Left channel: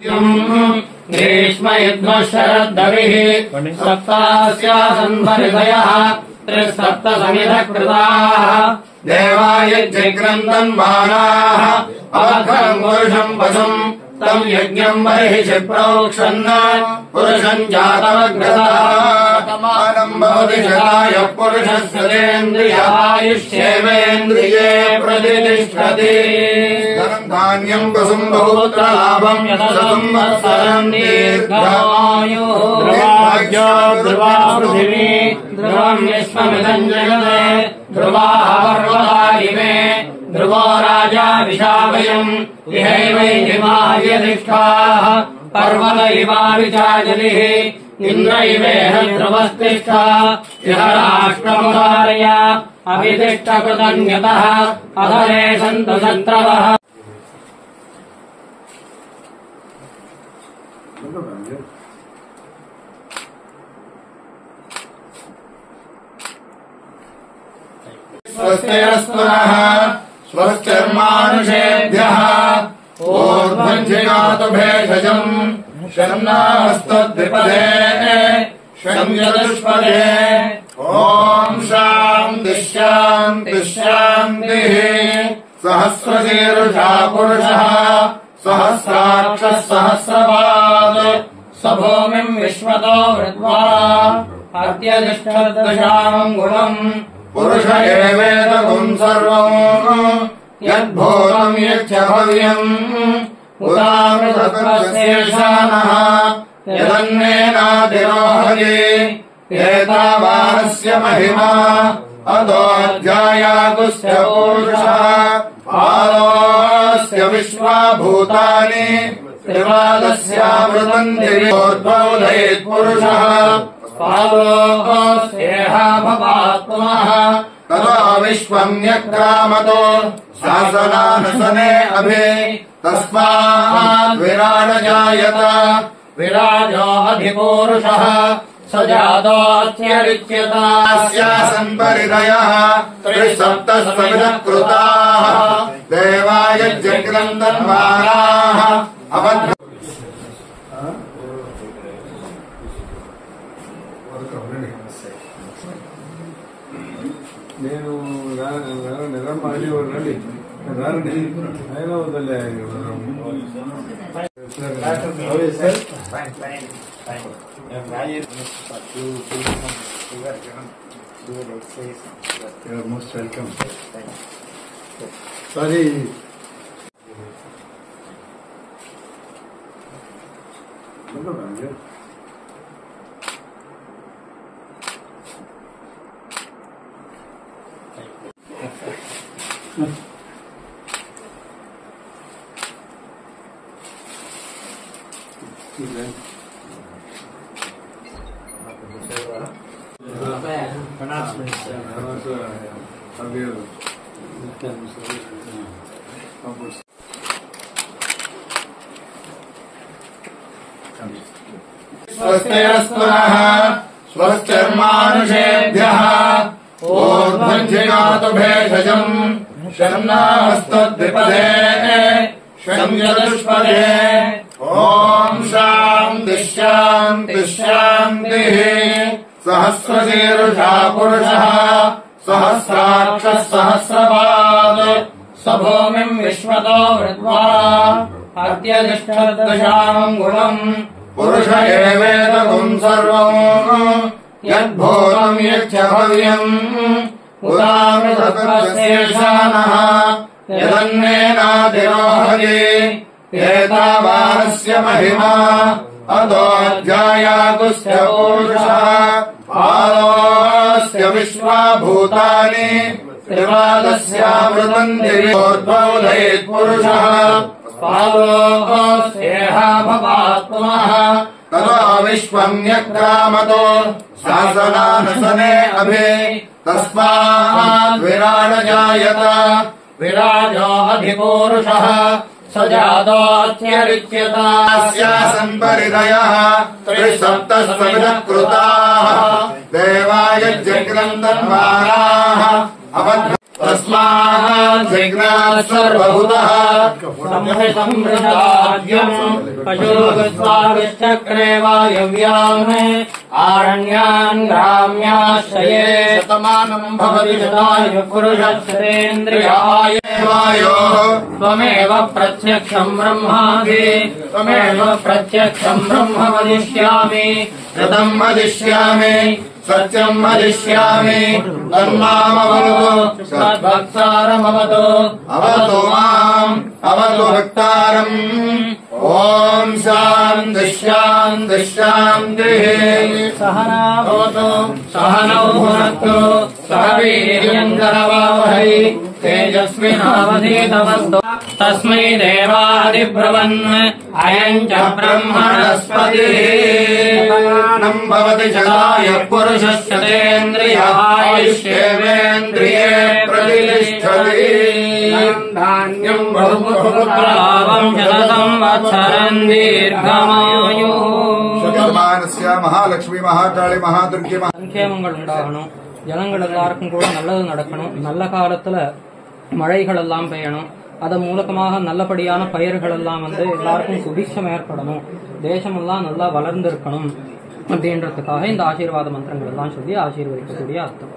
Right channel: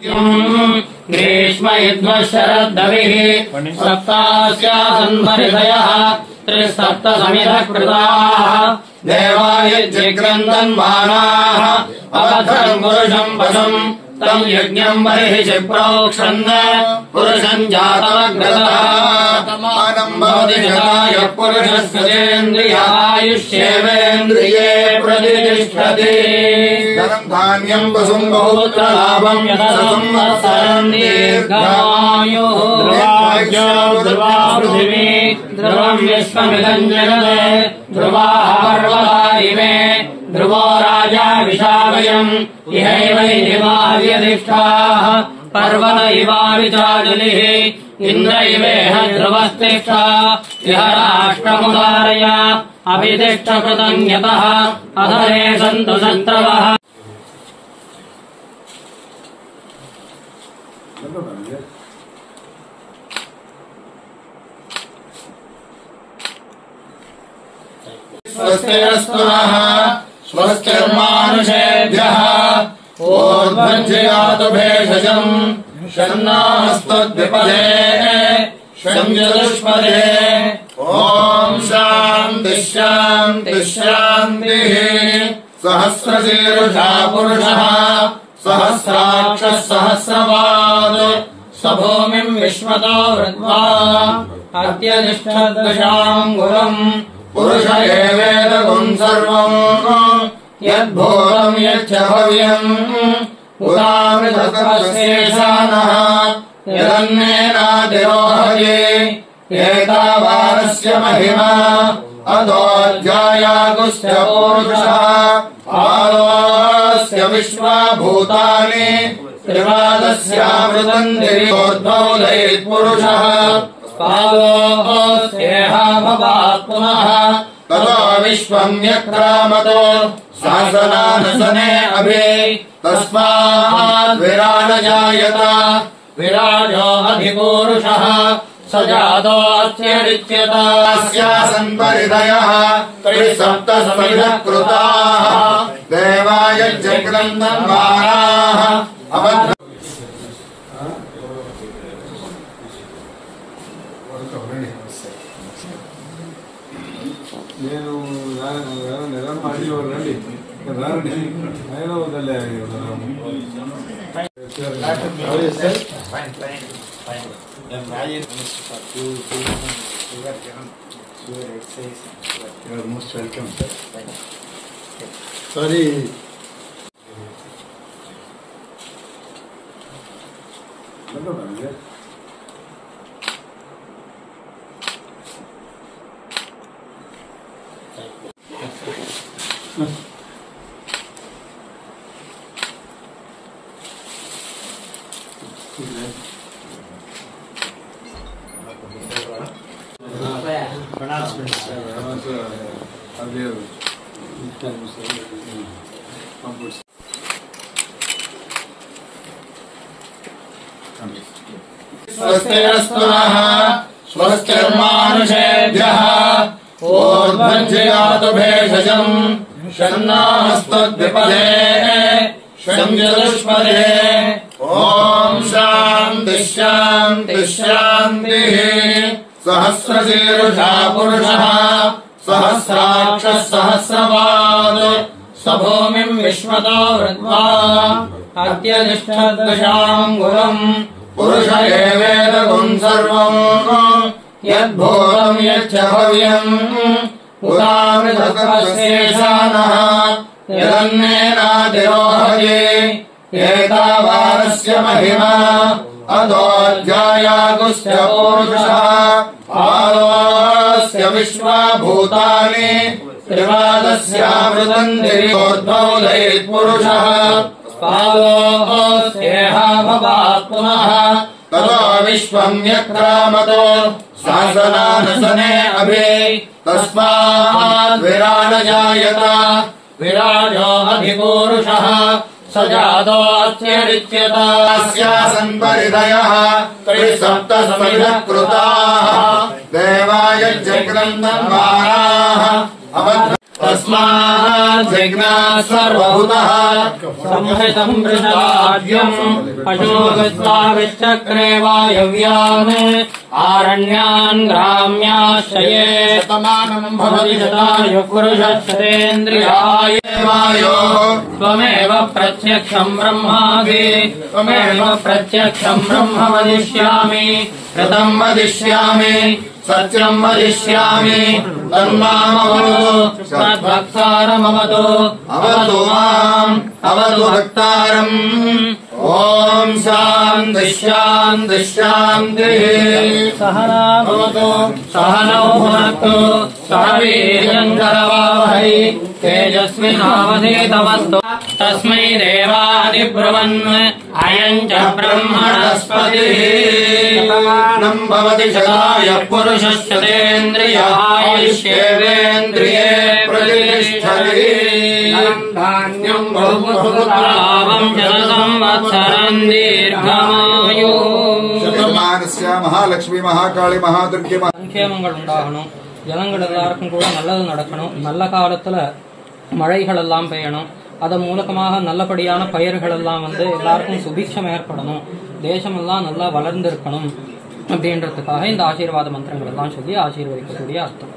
ग्रीष्म शरद्दविः सप्तास्यासन्वरिदयः त्रिसप्त समिधकृताः देवायज्ञग्रन्दन्मानाः अवधम् पुरुषम् वशम् तम् यज्ञम् बर्हिषि प्रोक्षन् पुरुषम् जातमग्रतामानम् भवति शताय पुरुषस्येन्द्रियायुष्येवेन्द्रिये प्रतिष्ठति धनम् धान्यम् वसुम् बहुपुत्रलाभम् संवत्सरम् दीर्घायुः ध्रुवा पृथिवी ध्रुवम् विश्वमिदम् जगते ध्रुवाः पर्वतानि ध्रुवो राजा विशावयम् इहैवैर्यधिष्ठाः पर्वत इवाविचाजुलिः इन्द्र इवेह ध्रुवस्तिष्ठा यः राष्ट्रमुदारय अभितिष्ठकृतन्यतः अधरे सन्तु शत्रवः स्वस्तिरस्तुनः स्वस्तिर्मानुषेभ्यः ऊर्ध्वञ्जयातु भेषजम् शन्नास्तद्विपदे शञ्जलुष्पदे ॐ शान्तिः शान्तिः शान्तिः सहस्रशीर्षा पुरुषः सहस्राक्षः सहस्रपाद् स भूमिम् विश्वतो हृत्वा अत्यतिष्ठद्दशाङ्गुलम् पुरुष एवेदगुम् सर्वम् यद्भूतम् यच्च भव्यम् उदामृतकमशेषानः यदन्नेनातिरोहये एतावानस्य महिमा अधोऽध्यायातुस्य पूरुषः आलोस्य विश्वाभूतानि त्रिवादस्यामृतम् दिव्योद्भवदयेत्पुरुषः पालोऽस्येहाभवात् पुनः ततो विश्वम् यक्रामतो शासनानसने अभि तस्माद्विराड जायत विराजो अधिपूरुषः स जातो अत्यरिच्यत अस्यासन् परिदयः त्रिसप्तसमिधकृताः देवायज्ञग्रन्दन्मानाः अभद्र నేను నెల మాడి రండి రండి ఆయన వదలే మోస్ట్ వెల్కమ్ సారీ स्वस्तिरस्तुनः स्वस्तिर्मानुषेभ्यः ऊर्ध्वञ्जयातु भेषजम् शन्नास्तद्विपदे शञ्जलुष्पदे ॐ शान्तिः शान्तिः शान्तिः सहस्रशीर्षा पुरुषः सहस्राक्षः सहस्रपाद् स भूमिम् विश्वतो हृत्वा अत्यतिष्ठद्दशाङ्गुलम् पुरुष एवेदगुम् सर्वम् यद्भूतम् यच्च भव्यम् उदामृतकमशेषानः यदन्नेनातिरोहये एतावानस्य महिमा अधोऽध्यायातुस्य पूरुषः आलोस्य विश्वाभूतानि त्रिवादस्यामृतम् दिव्योद्भवदयेत्पुरुषः पालोऽस्येहाभवात् पुनः ततो विश्वम् यक्रामतो शासनानसने अभि तस्माद्विराड जायत विराजो अधिपूरुषः स जातो अत्यरिच्यत अस्यासन् परिदयः त्रिसप्तसमिधकृताः देवायज्ञग्रन्दन्मानाः अभद्र तस्मात् विघ्नात् सर्वभूतः संहितं वृषलाद्यम् पशुगस्वाविश्चक्रे वायव्यान् आरण्यान् ग्राम्याश्रये शतमानं भवति शतायुः पुरुषश्रेन्द्रियाय त्वमेव प्रत्यक्षं ब्रह्मासि त्वमेव प्रत्यक्षं ब्रह्म वदिष्यामि ऋतं वदिष्यामि सत्यं वदिष्यामि धर्मामवतु सद्भक्तारमवतु अवतु माम् अवतु भक्तारम् ॐ शान्ति शान्ति शान्तिः सहना भवतु सहनौ भुनक्तु सह वीर्यं करवावहै तेजस्विनावधीतमस्तु तस्मै देवादिब्रवन् अयम् च ब्रह्मणस्पतिः भवति शतायुः पुरुषश्चतेन्द्रियायुष्येवेन्द्रिये प्रतिष्ठति धान्यं बहुपुत्रावं शततं वत्सरं दीर्घायुः மகாலட்சுமி மகாகாளி மகாதுர்கி சங்கேமங்கள் உண்டாகணும், ஜனங்கள் எல்லாருக்கும் கூட நல்லது நடக்கணும், நல்ல காலத்துல மழைகள் எல்லாம் பெய்யணும், அதன் மூலமாக நல்லபடியான பயிர்கள் எல்லாம் எல்லாருக்கும் சுபிக்ஷம் ஏற்படணும், தேசமெல்லாம் நல்லா வளர்ந்து இருக்கணும் அப்படின்றதுக்காக இந்த ஆசீர்வாத மந்திரங்கள் எல்லாம் சொல்லி ஆசீர்வதிக்கக்கூடிய அர்த்தம்.